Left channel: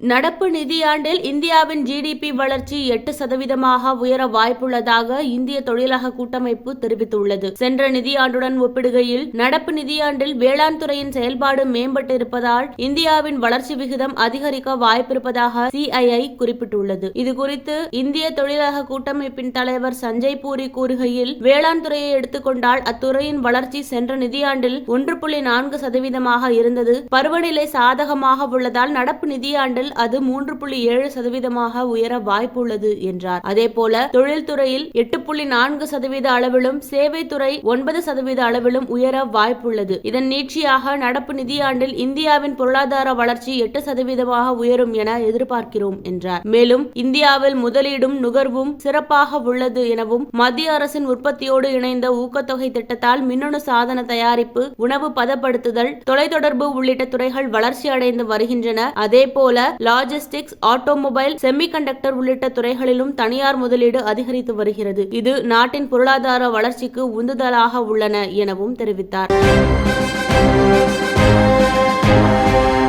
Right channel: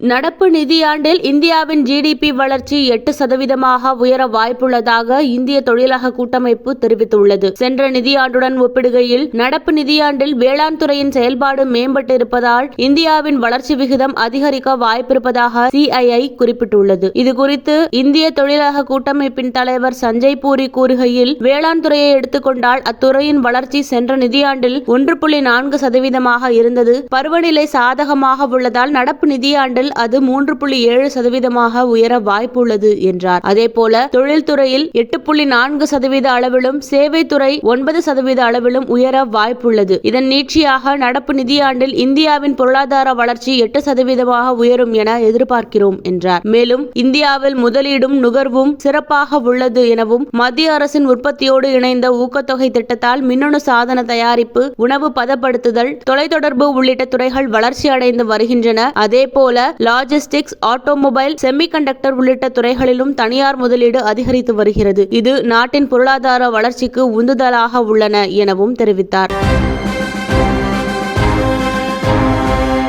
நடப்பு நிதியாண்டில் இந்தியாவின் ஜிடிபி வளர்ச்சி 8% உயர வாய்ப்புள்ளதாக இந்திய தொழிலக கூட்டமைப்பு தெரிவித்துள்ளது. சென்ற நிதியாண்டுடன் ஒப்பிடுகையில் நடப்பு நிதியாண்டில் வேளாண் துறையின் செயல்பாடு மேம்பட்டிருப்பதால் இந்தியாவின் வளர்ச்சி விகிதம் அதிகரிக்க வாய்ப்பிருப்பதாக CII குறிப்பிட்டுள்ளது. இதுகுறித்து இந்திய தொழிலக கூட்டமைப்பின் தலைவர் சஞ்சய் பூரி கூறுகையில், வேளாண் துறையை எடுத்துக்கொண்டால் அத்துறையின் வளர்ச்சி சென்ற நிதியாண்டில் 1.4% இருந்தது. பருவநிலை சாதகமாக உள்ளதால் நடப்பு நிதியாண்டில் அது 3.7% உயர வாய்ப்புள்ளது என்றார். அதேபோல தொழில்துறையில் 8.4% அளவிலும், சேவைத்துறை 9% அளவிலும் உயர வாய்ப்புள்ளது. இதன் நீட்சியாக நடப்பு நிதியாண்டில் இந்தியாவின் பொருளாதார வளர்ச்சி 8% உயரும் என எதிர்பார்க்கிறோம் என்றார். மேலும் இந்தியாவில் முதலீடும் நுகர்வும் சிறப்பாக உள்ளது எனவும், மத்திய அரசின் உற்பத்தியோடு இணைந்த ஊக்கத்தொகை திட்டத்தால் மின்னணு சாதன தயாரிப்பு, உணவு பதப்படுத்துதல், தொலைத்தொடர்பு உள்ளிட்ட துறைகள் வளர்ச்சி அடைந்து வருகின்றன. அதேபோல லாஜிஸ்டிக்ஸ், ஆட்டோமொபைல், செமிகண்டக்டர் உள்ளிட்ட துறைகளிலும் தனியார் முதலீடு அதிகரித்து வருகிறது. இது நாட்டின் பொருளாதார வளர்ச்சிக்கு உந்துதலாக உள்ளன எனவும் தெரிவித்தார்.